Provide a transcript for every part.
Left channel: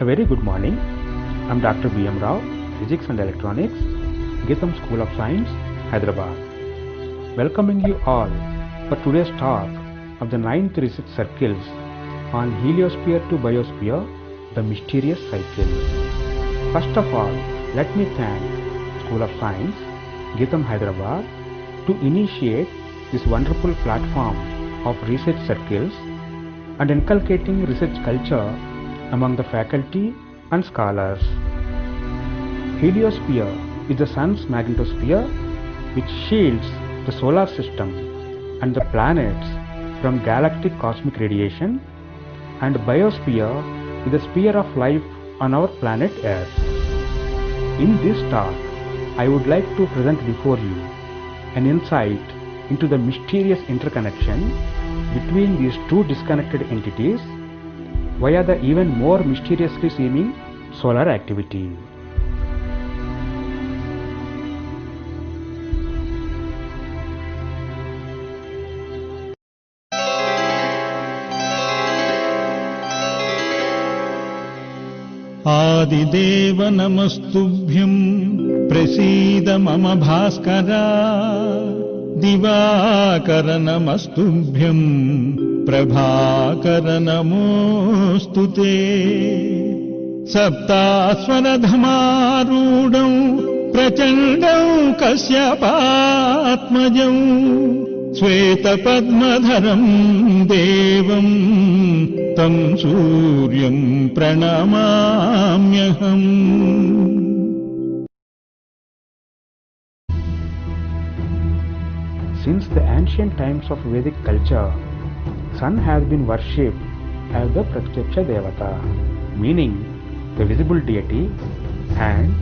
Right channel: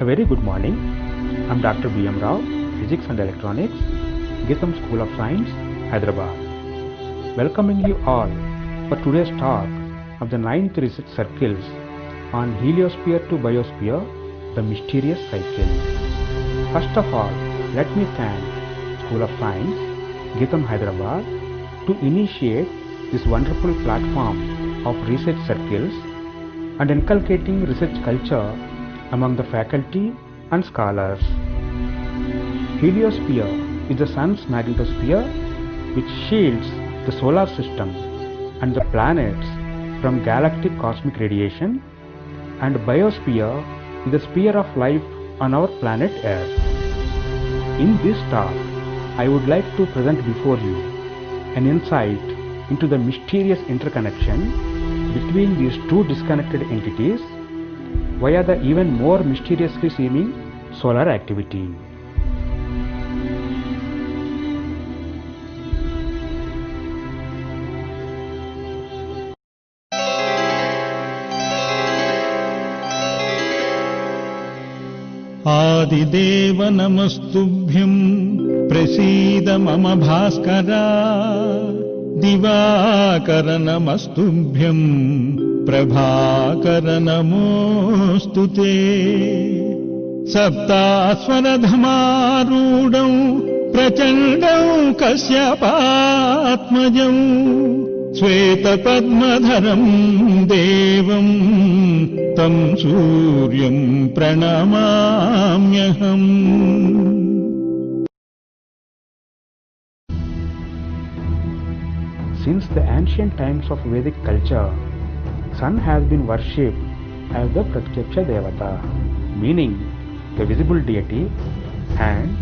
A very good morning. I'm Dr. B.M. Rao, Physics and Electronics, Geetham School of Science, Hyderabad. Welcoming you all for today's talk of the 9th research circles on heliosphere to biosphere, the mysterious cycle. First of all, let me thank School of Science, Geetham, Hyderabad to initiate this wonderful platform of research circles and inculcating research culture among the faculty and scholars. Heliosphere is the Sun's magnetosphere which shields the solar system and the planets from galactic cosmic radiation, and biosphere is the sphere of life on our planet Earth. In this talk, I would like to present before you an insight into the mysterious interconnection between these two disconnected entities via the even more mysteriously seeming solar activity. आदिदेव नमस्तुभ्यं प्रसीद मम भास्करा दिवाकर नमस्तुभ्यं प्रभाकर नमोऽस्तु ते सप्तास्वरधमारूढं प्रचण्डं कश्यपात्मजं श्वेतपद्मधरं देवं तं सूर्यं प्रणमाम्यहम्. Since the ancient times of Vedic culture, Sun has been worshipped as the Pratyaksha Devata, meaning the visible deity, and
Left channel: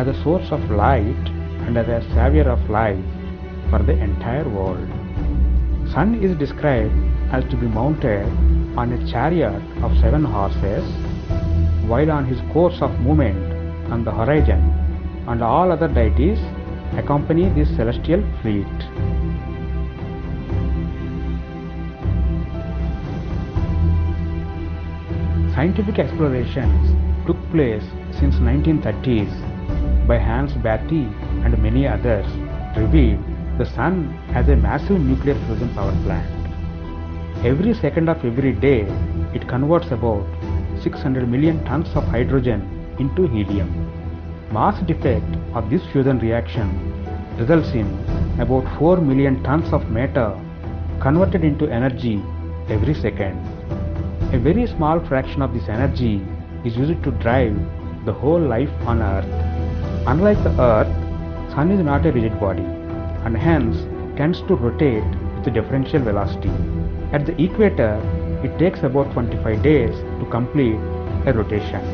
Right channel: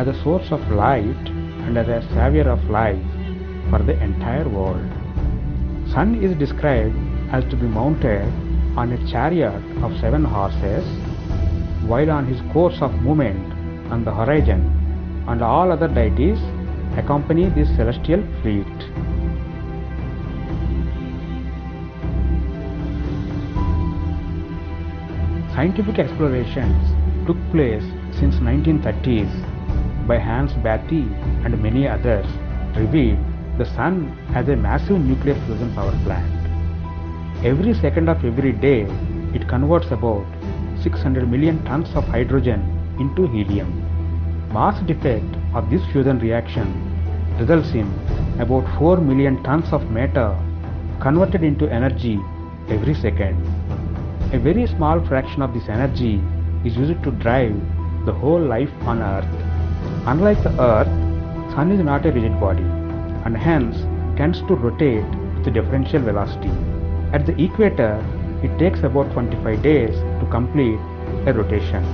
as a source of light and as a savior of life for the entire world. Sun is described as to be mounted on a chariot of 7 horses, while on his course of movement on the horizon, and all other deities accompany this celestial fleet. Scientific explorations took place since 1930s by Hans Bethe and many others revealed the Sun as a massive nuclear fusion power plant. Every second of every day, it converts about 600 million tons of hydrogen into helium. Mass defect of this fusion reaction results in about 4 million tons of matter converted into energy every second. A very small fraction of this energy is used to drive the whole life on Earth. Unlike the Earth, Sun is not a rigid body and hence tends to rotate with differential velocity. At the equator, it takes about 25 days to complete a rotation,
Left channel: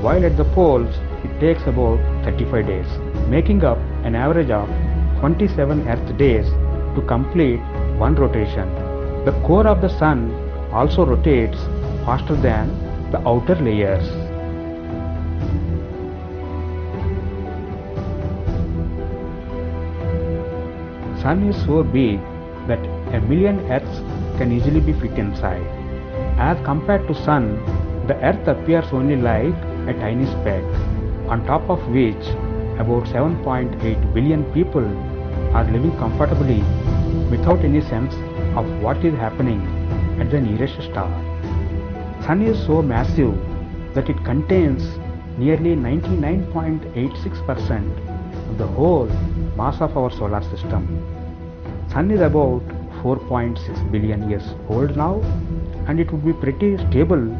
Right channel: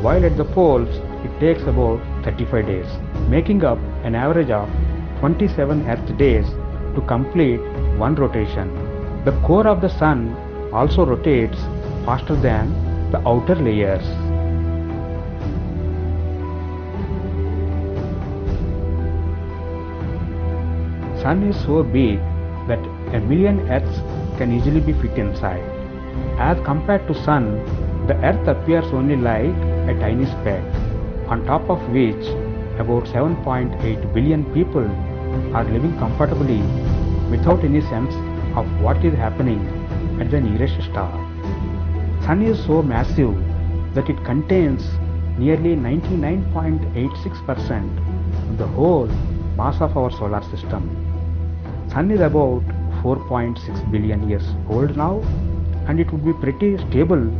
while at the poles it takes about 35 days, making up an average of 27 Earth days to complete one rotation. The core of the Sun also rotates faster than the outer layers. Sun is so big that a million Earths can easily be fit inside. As compared to Sun, the Earth appears only like a tiny speck, on top of which about 7.8 billion people are living comfortably without any sense of what is happening at the nearest star. Sun is so massive that it contains nearly 99.86% of the whole mass of our solar system. Sun is about 4.6 billion years old now, and it would be pretty stable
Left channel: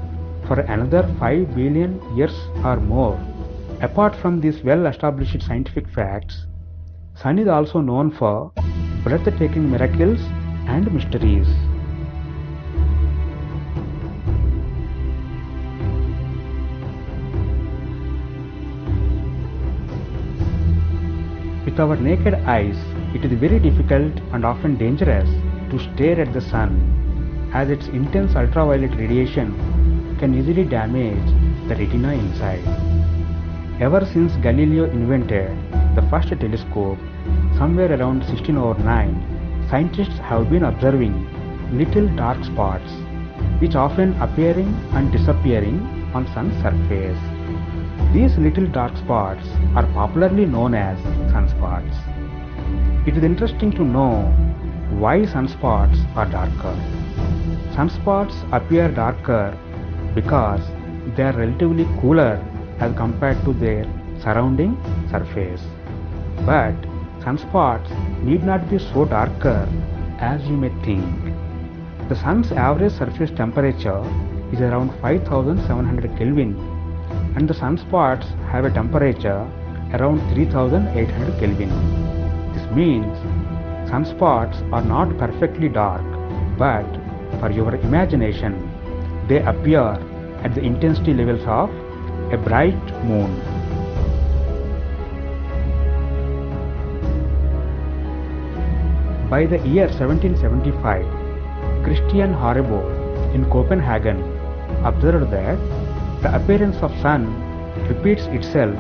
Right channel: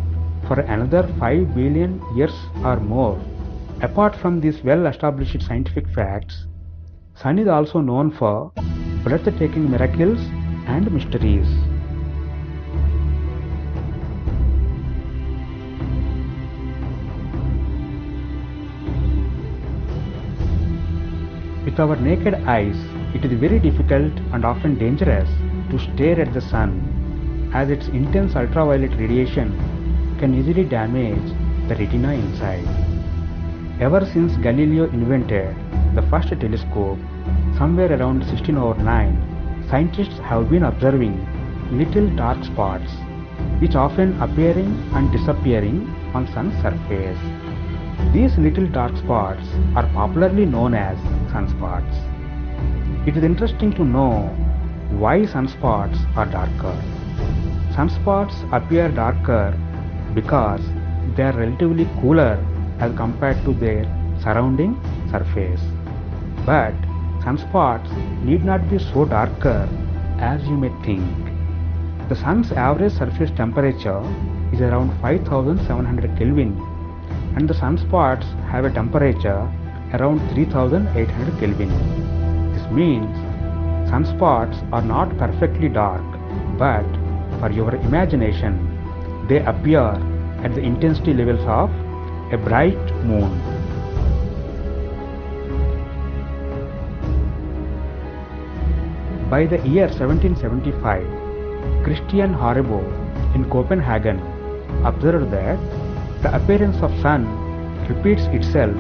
for another 5 billion years or more. Apart from these well-established scientific facts, Sun is also known for breathtaking miracles and mysteries. With our naked eyes, it is very difficult and often dangerous to stare at the Sun, as its intense ultraviolet radiation can easily damage the retina inside. Ever since Galileo invented the first telescope, somewhere around 1609, scientists have been observing little dark spots, which often appearing and disappearing on sun's surface. These little dark spots are popularly known as sunspots. It is interesting to know why sunspots are darker. Sunspots appear darker because they are relatively cooler as compared to their surrounding surface. But sunspots need not be so darker as you may think. The sun's average surface temperature is around 5700 Kelvin and the sunspots have a temperature around 3800 Kelvin. This means sunspots are not perfectly dark, but for your imagination, they appear at the intensity levels of a bright moon. By the year 1775, Christian Horrebo in Copenhagen observed that the appearance of sun repeats itself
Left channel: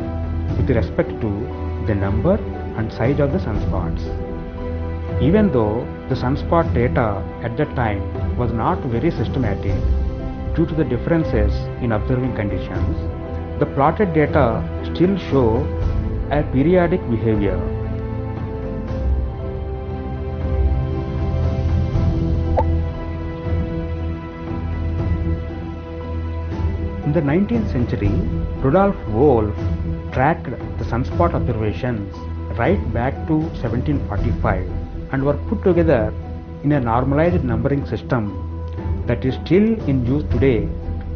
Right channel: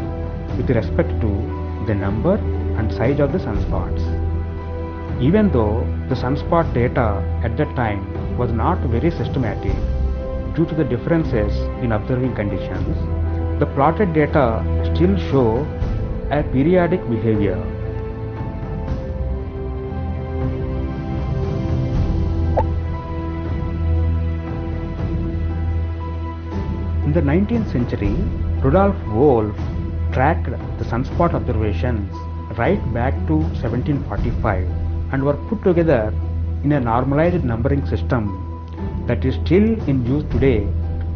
with respect to the number and size of the sunspots. Even though the sunspot data at that time was not very systematic due to the differences in observing conditions, the plotted data still show a periodic behavior. In the 19th century, Rudolf Wolf tracked the sunspot observations right back to 1745 and were put together in a normalized numbering system that is still in use today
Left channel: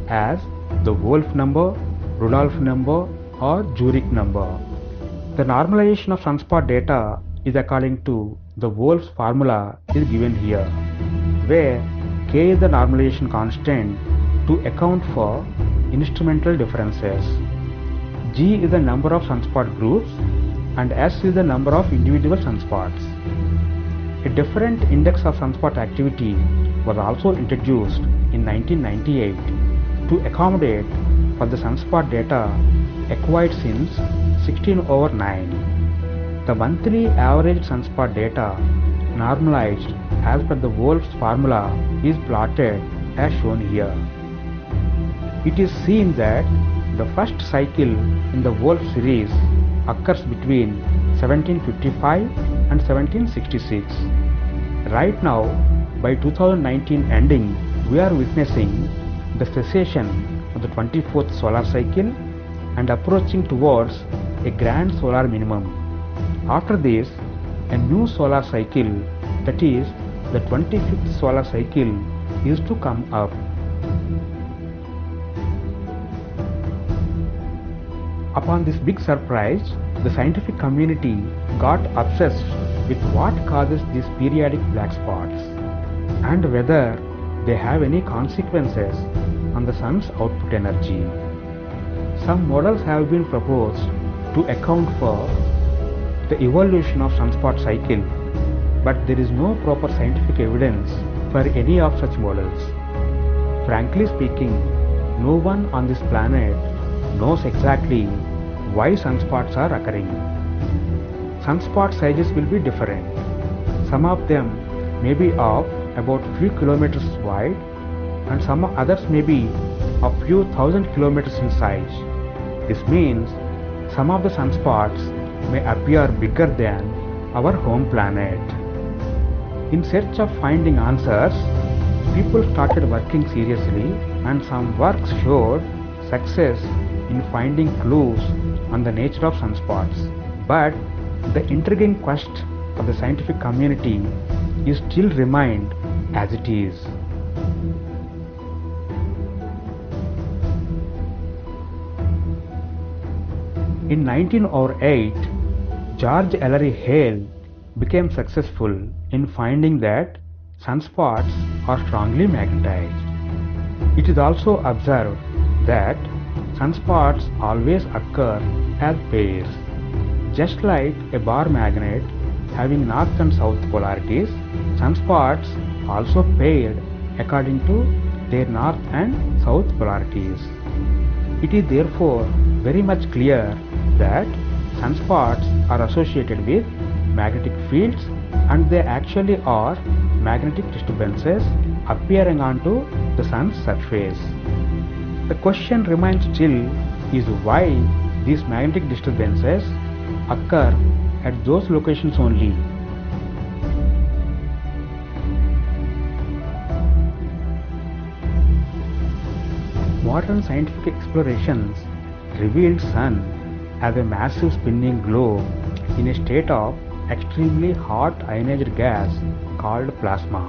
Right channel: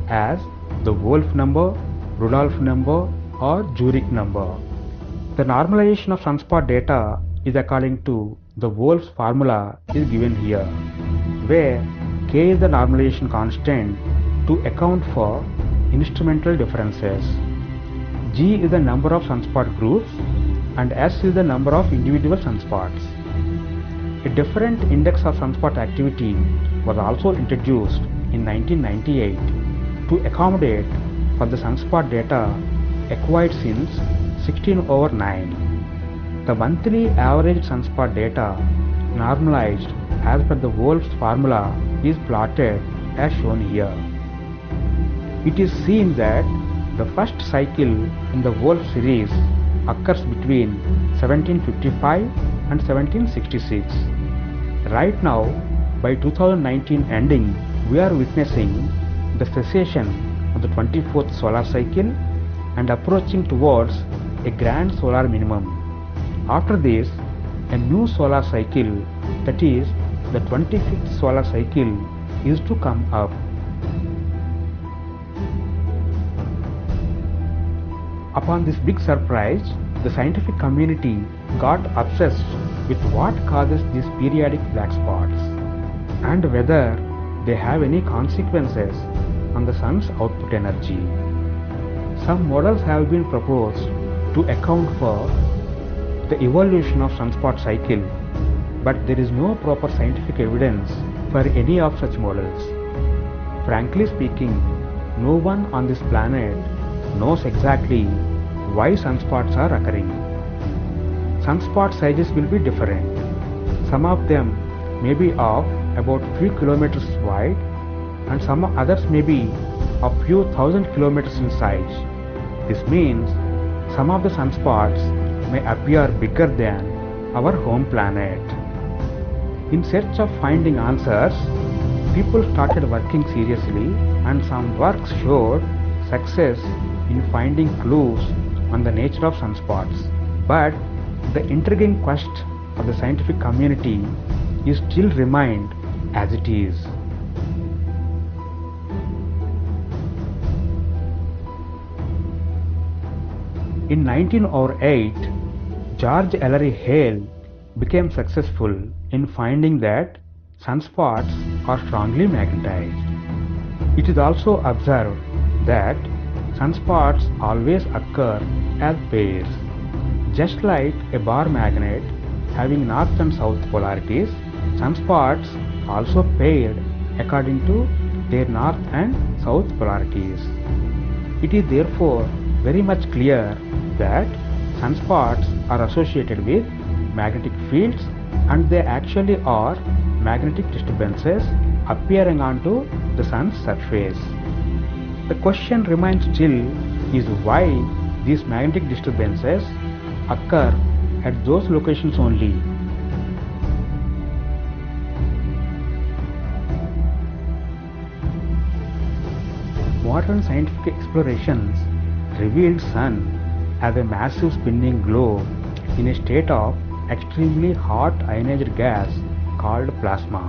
as the Wolf number, Rudolf number or Zurich number. The normalization of sunspot data is according to the Wolf's formula is given here, where K is the normalization constant to account for instrumental differences. G is the number of sunspot groups and S is the number of individual sunspots. A different index of sunspot activity was also introduced in 1998 to accommodate for the sunspot data acquired since 16/9. The monthly average sunspot data normalized as per the Wolf's formula is plotted as shown here. It is seen that the first cycle in the Wolf series occurs between 1755 and 1766. Right now, by 2019 ending, we are witnessing the cessation of the 24th solar cycle and approaching towards a grand solar minimum. After this, a new solar cycle, that is the 25th solar cycle, is to come up. Upon this big surprise, the scientific community got obsessed with what causes these periodic black spots and whether they have any consequences on the sun's output energy. Some models have been proposed to account for the evolution of sunspot cycle, but there is no proper scientific evidence for any of such models. Frankly speaking, no one on this planet knows exactly why sunspots are occurring. Sunspot sizes will be different. Some of them may be of about few kilometers wide and some others may be a few thousand kilometers in size. This means some of the sunspots may appear bigger than our home planet. In search of finding answers, people started working seriously and some works showed success in finding clues on the nature of sunspots. But the intriguing quest of the scientific community is still remained as it is. In 1908, George Ellery Hale became successful in finding that sunspots are strongly magnetized. It is also observed that sunspots always occur as pairs. Just like a bar magnet having north and south polarities, sunspots also paired according to their north and south polarities. It is therefore very much clear that sunspots are associated with magnetic fields and they actually are magnetic disturbances appearing onto the sun's surface. The question remains still is why these magnetic disturbances occur at those locations only. Modern scientific explorations revealed Sun as a massive spinning globe in a state of extremely hot ionized gas called plasma.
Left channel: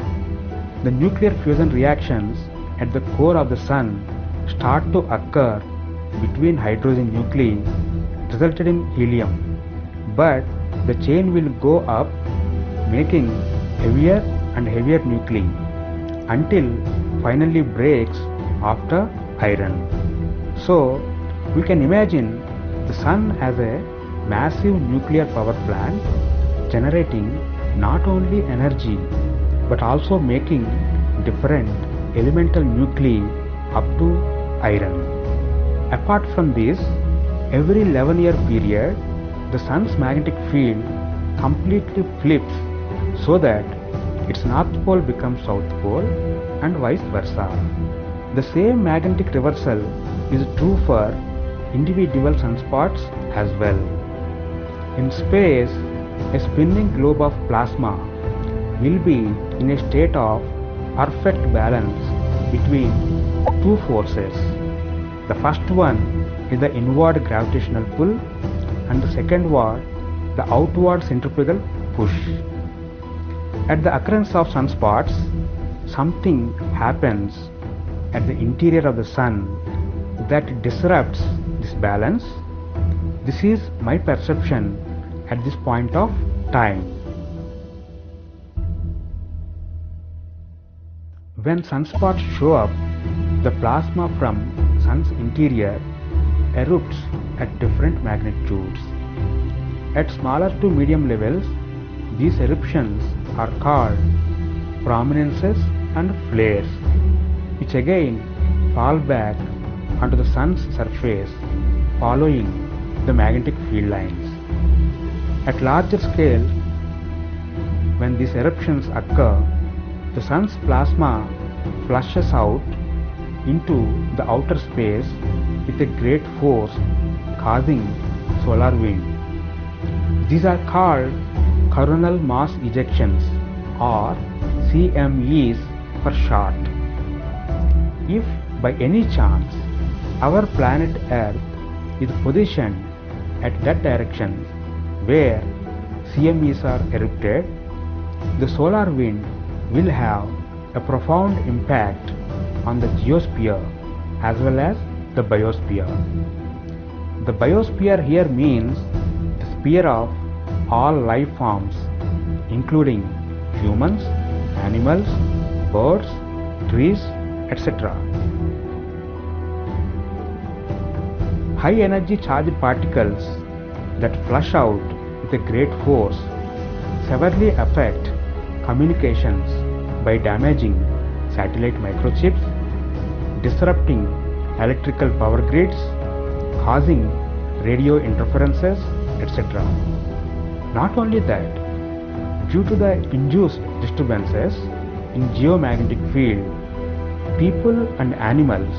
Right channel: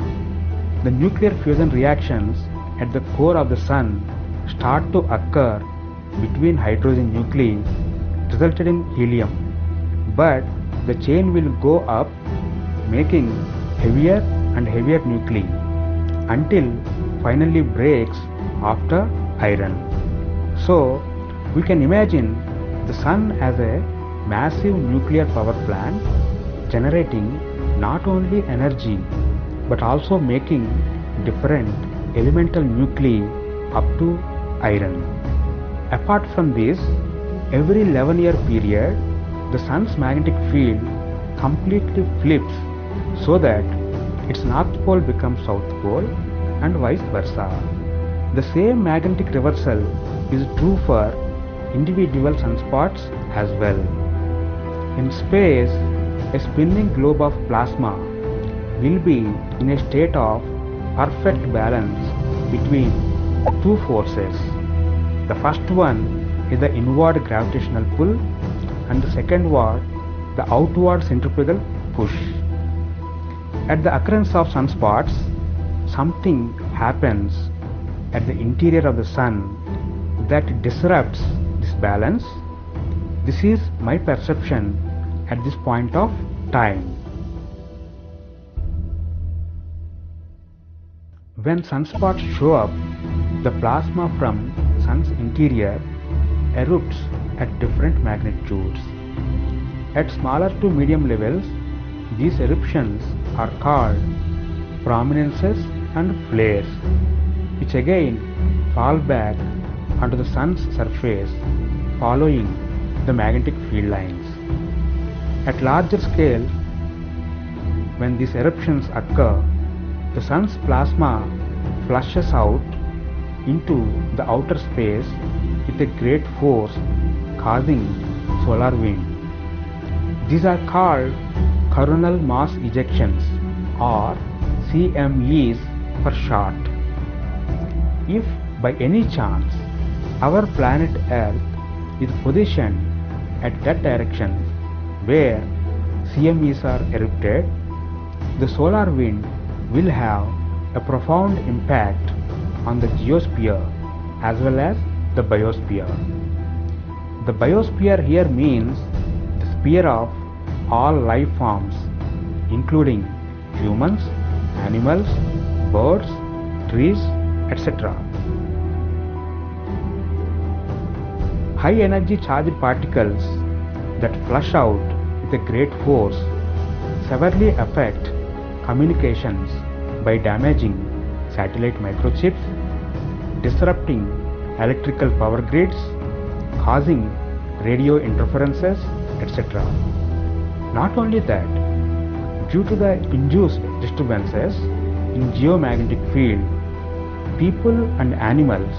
The nuclear fusion reactions at the core of the Sun start to occur between hydrogen nuclei resulted in helium, but the chain will go up making heavier and heavier nuclei until finally breaks after iron. So we can imagine the Sun as a massive nuclear power plant generating not only energy but also making different elemental nuclei up to iron. Apart from this, every 11-year period the Sun's magnetic field completely flips so that its north pole becomes south pole and vice versa. The same magnetic reversal is true for individual sunspots as well. In space, a spinning globe of plasma will be in a state of perfect balance between two forces. The first one is the inward gravitational pull and the second one the outward centrifugal push. At the occurrence of sunspots, something happens at the interior of the Sun that disrupts this balance. This is my perception at this point of time. When sunspots show up, the plasma from Sun's interior erupts at different magnitudes. At smaller to medium levels, these eruptions are called prominences and flares, which again fall back onto the Sun's surface following the magnetic field lines. At larger scale, when these eruptions occur, the Sun's plasma flushes out into the outer space with a great force, causing solar wind. These are called coronal mass ejections, or CMEs for short. If by any chance our planet Earth is positioned at that direction where CMEs are erupted, the solar wind will have a profound impact on the geosphere as well as the biosphere. The biosphere here means the sphere of all life forms, including humans, animals, birds, trees, etc. High energy charged particles that flush out with a great force severely affect communications by damaging satellite microchips, disrupting electrical power grids, causing radio interferences, etc. Not only that, due to the induced disturbances in geomagnetic field, people and animals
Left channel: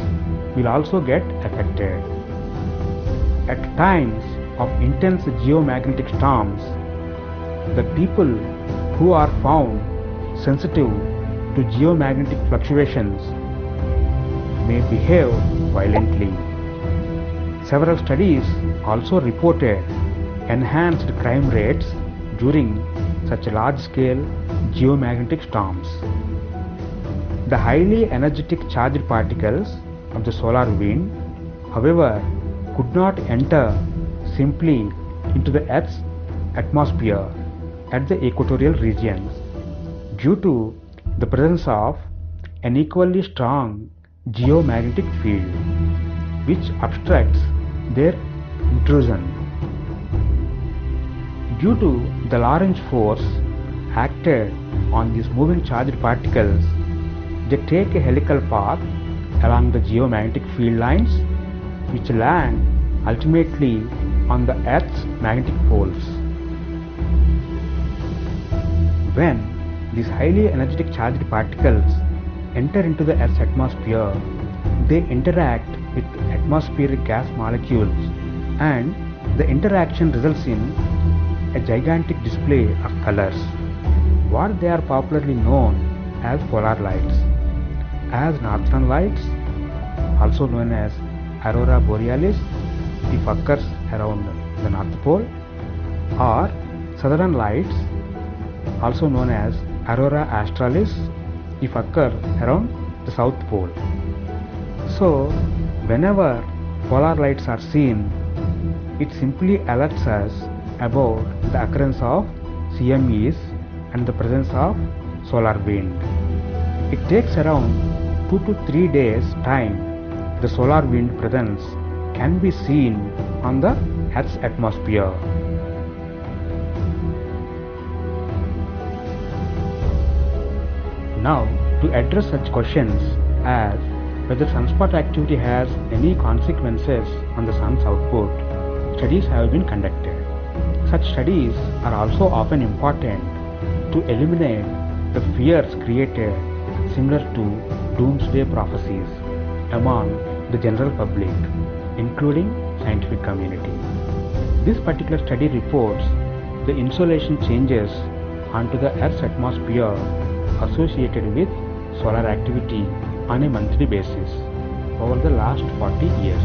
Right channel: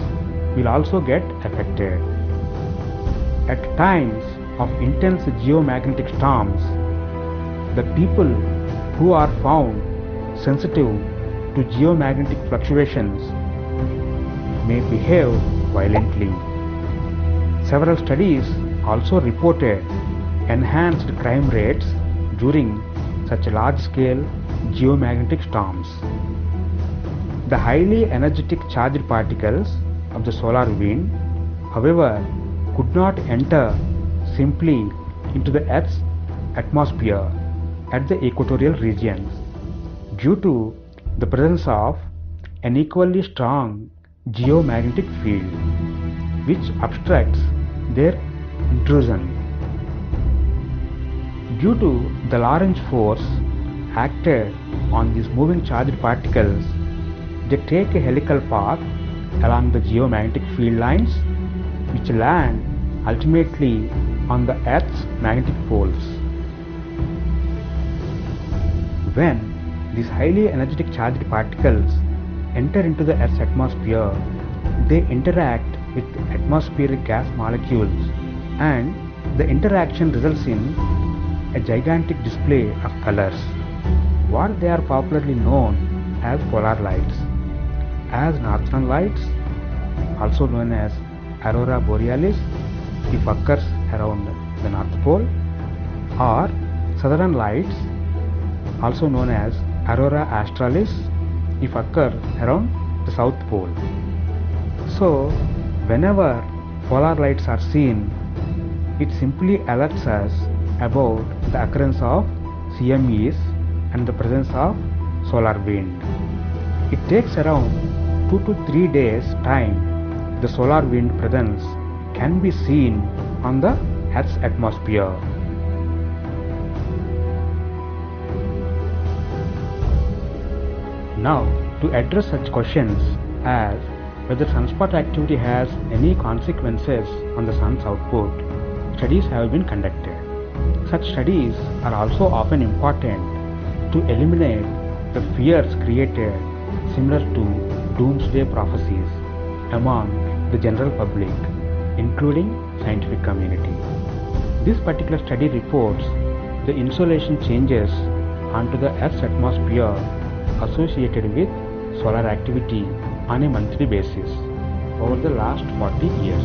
will also get affected. At times of intense geomagnetic storms, the people who are found sensitive to geomagnetic fluctuations may behave violently. Several studies also reported enhanced crime rates during such large-scale geomagnetic storms. The highly energetic charged particles of the solar wind, however, could not enter simply into the Earth's atmosphere at the equatorial regions due to the presence of an equally strong geomagnetic field which obstructs their intrusion. Due to the Lorentz force acted on these moving charged particles, they take a helical path along the geomagnetic field lines which land ultimately on the Earth's magnetic poles. When these highly energetic charged particles enter into the Earth's atmosphere, they interact with atmospheric gas molecules, and the interaction results in a gigantic display of colors. What they are popularly known as polar lights. As northern lights, also known as aurora borealis if occurs around the North Pole, or southern lights, also known as aurora australis if occur around the South Pole. So, whenever polar lights are seen, it simply alerts us about the occurrence of CMEs and the presence of solar wind. It takes around 2 to 3 days time the solar wind presence can be seen on the Earth's atmosphere. Now, to address such questions as whether sunspot activity has any consequences on the sun's output, studies have been conducted. Such studies are also often important to eliminate the fears created similar to doomsday prophecies among the general public, including scientific community. This particular study reports the insolation changes onto the Earth's atmosphere associated with solar activity on a monthly basis over the last 40 years.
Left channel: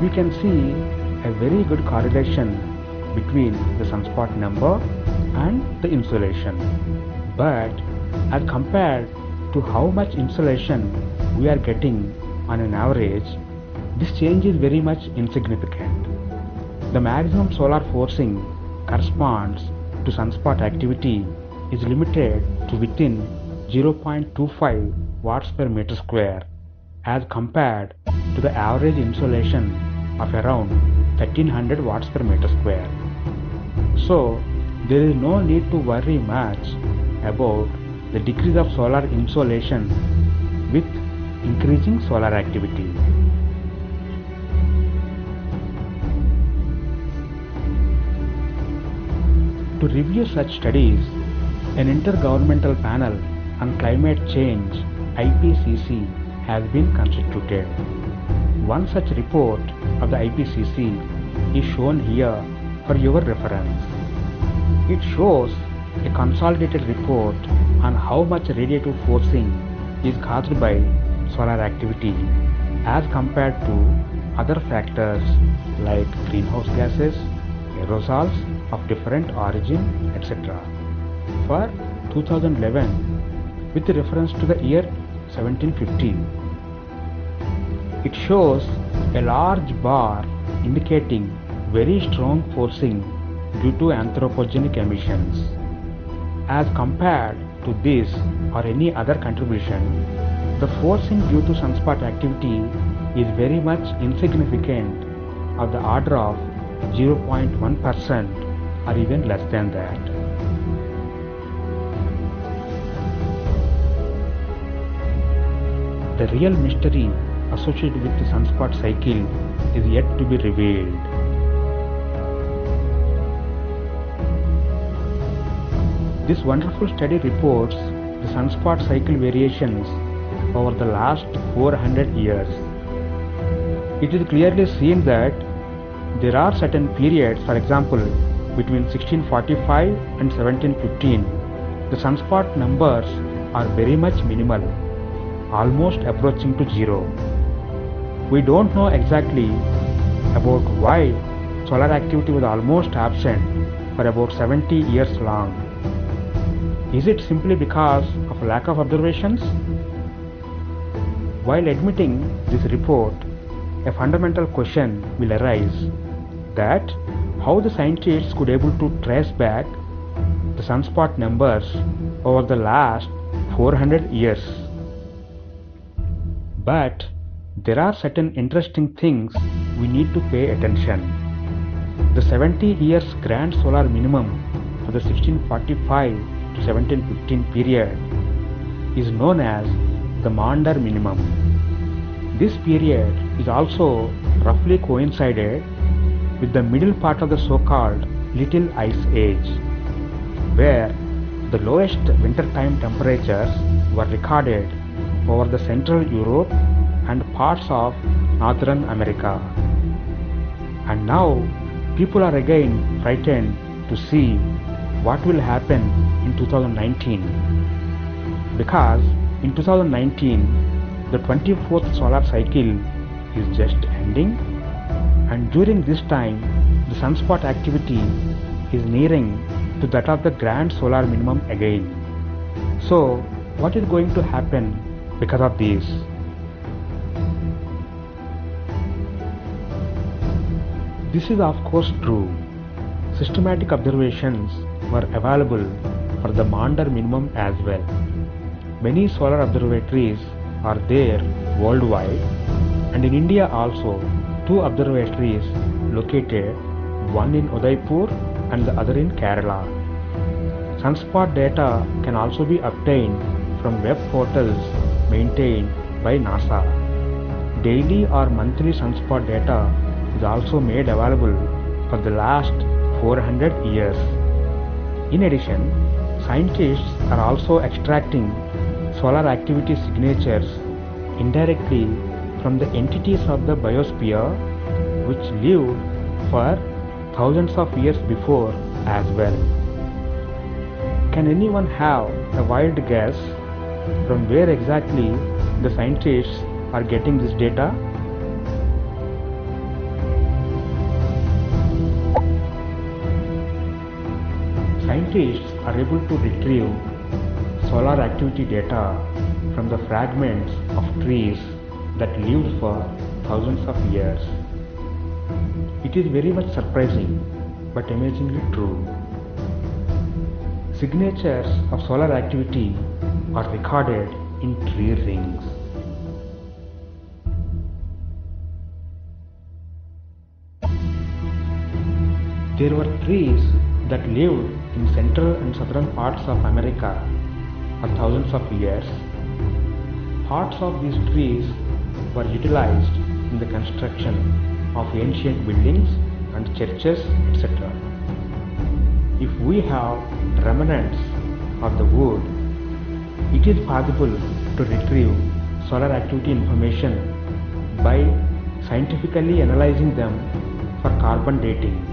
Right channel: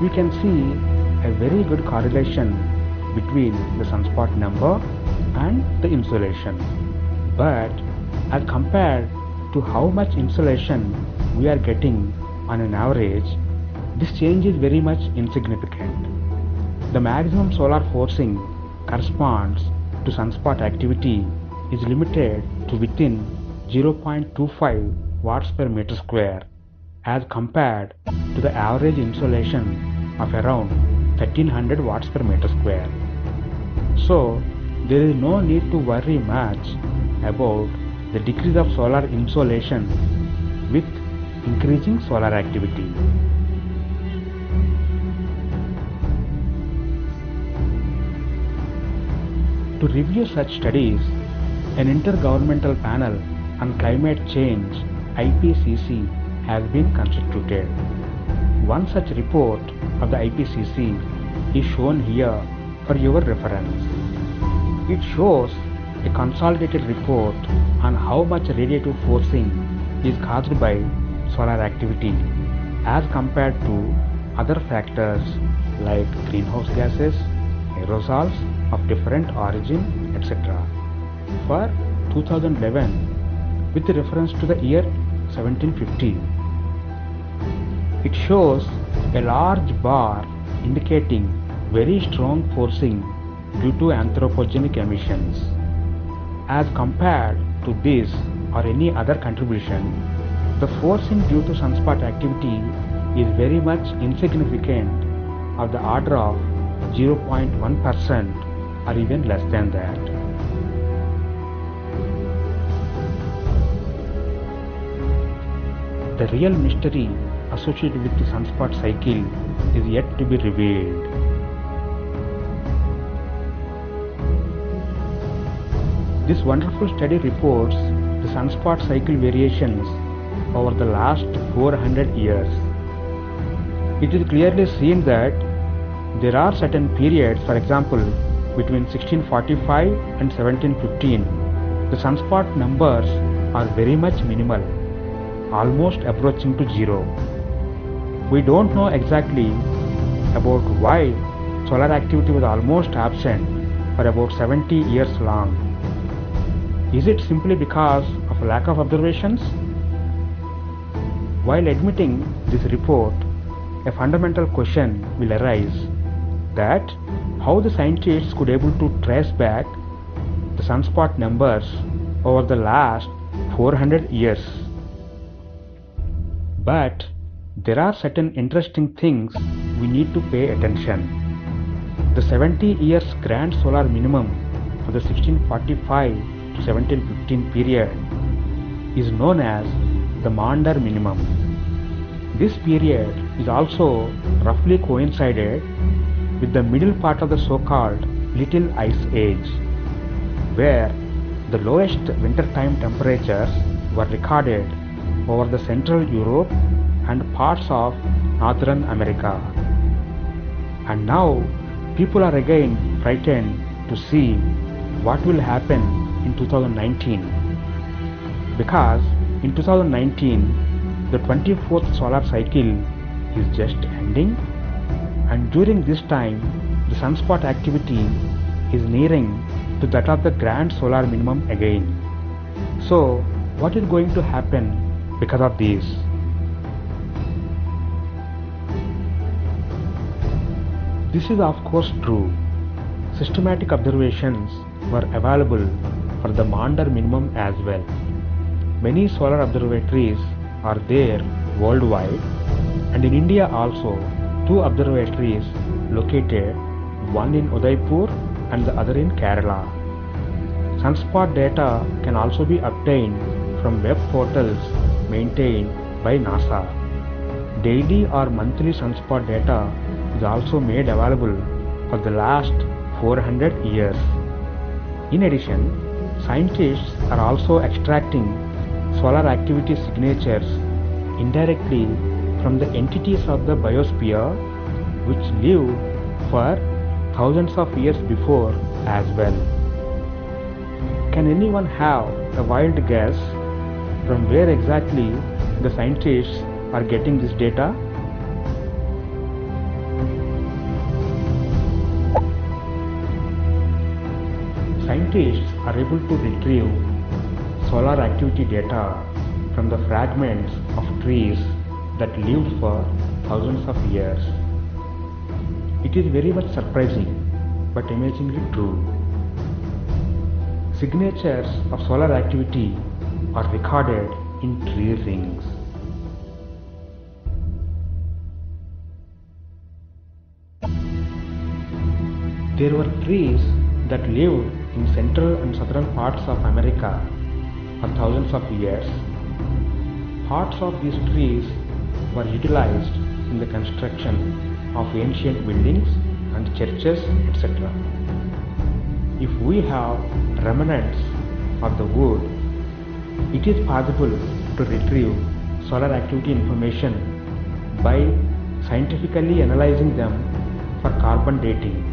We can see a very good correlation between the sunspot number and the insolation. But as compared to how much insolation we are getting on an average, this change is very much insignificant. The maximum solar forcing corresponds to sunspot activity is limited to within 0.25 watts per meter square as compared to the average insolation of around 1300 watts per meter square. So, there is no need to worry much about the decrease of solar insolation with increasing solar activity. To review such studies, an intergovernmental panel on climate change (IPCC) has been constituted. One such report of the IPCC is shown here for your reference. It shows a consolidated report on how much radiative forcing is caused by solar activity as compared to other factors like greenhouse gases, aerosols of different origin, etc. for 2011 with reference to the year 1750. It shows a large bar indicating very strong forcing due to anthropogenic emissions. As compared to this or any other contribution, the forcing due to sunspot activity is very much insignificant, of the order of 0.1% or even less than that. The real mystery associated with the sunspot cycle is yet to be revealed. This wonderful study reports the sunspot cycle variations over the last 400 years. It is clearly seen that there are certain periods, for example, between 1645 and 1715, the sunspot numbers are very much minimal, almost approaching to zero. We don't know exactly about why solar activity was almost absent for about 70 years long. Is it simply because of lack of observations? While admitting this report, a fundamental question will arise that how the scientists could able to trace back the sunspot numbers over the last 400 years. But there are certain interesting things we need to pay attention. The 70 years grand solar minimum for the 1645 to 1715 period is known as the Maunder minimum. This period is also roughly coincided with the middle part of the so-called Little Ice Age, where the lowest wintertime temperatures were recorded over the Central Europe and parts of Northern America. And now people are again frightened to see what will happen in 2019, because in 2019 the 24th solar cycle is just ending, and during this time the sunspot activity is nearing to that of the grand solar minimum again. So what is going to happen because of this? This is of course true. Systematic observations were available for the Maunder minimum as well. Many solar observatories are there worldwide, and in India also 2 observatories located, one in Udaipur and the other in Kerala. Sunspot data can also be obtained from web portals maintained by NASA. Daily or monthly sunspot data is also made available for the last 400 years. In addition, scientists are also extracting solar activity signatures indirectly from the entities of the biosphere which lived for thousands of years before as well. Can anyone have a wild guess from where exactly the scientists are getting this data? Scientists are able to retrieve solar activity data from the fragments of trees that lived for thousands of years. It is very much surprising but amazingly true. Signatures of solar activity are recorded in tree rings. There were trees that lived in central and southern parts of America for thousands of years. Parts of these trees were utilized in the construction of ancient buildings and churches, etc. If we have remnants of the wood, it is possible to retrieve solar activity information by scientifically analyzing them for carbon dating.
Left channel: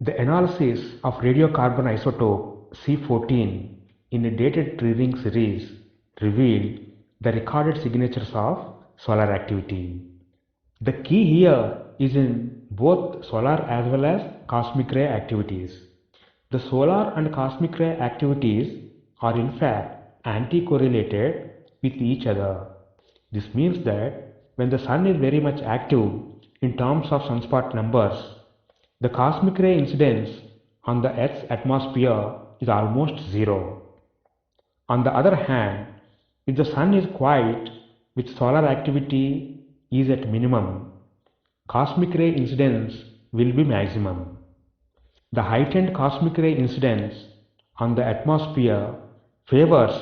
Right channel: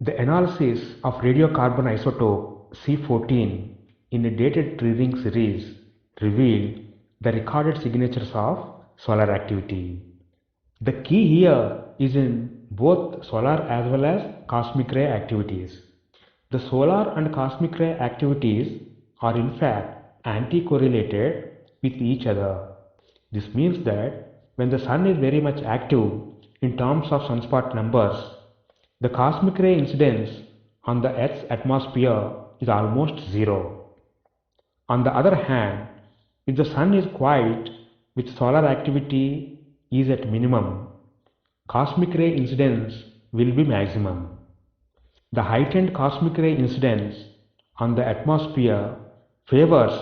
The analysis of radiocarbon isotope C14 in a dated tree ring series revealed the recorded signatures of solar activity. The key here is in both solar as well as cosmic ray activities. The solar and cosmic ray activities are in fact anti-correlated with each other. This means that when the sun is very much active in terms of sunspot numbers, the cosmic ray incidence on the Earth's atmosphere is almost zero. On the other hand, if the sun is quiet with solar activity is at minimum, cosmic ray incidence will be maximum. The heightened cosmic ray incidence on the atmosphere favors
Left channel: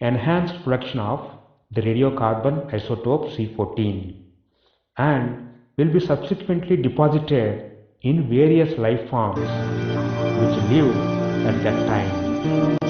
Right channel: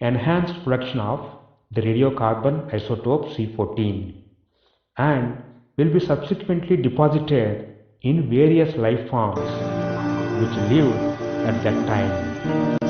enhanced production of the radiocarbon isotope C14 and will be subsequently deposited in various life forms which lived at that time.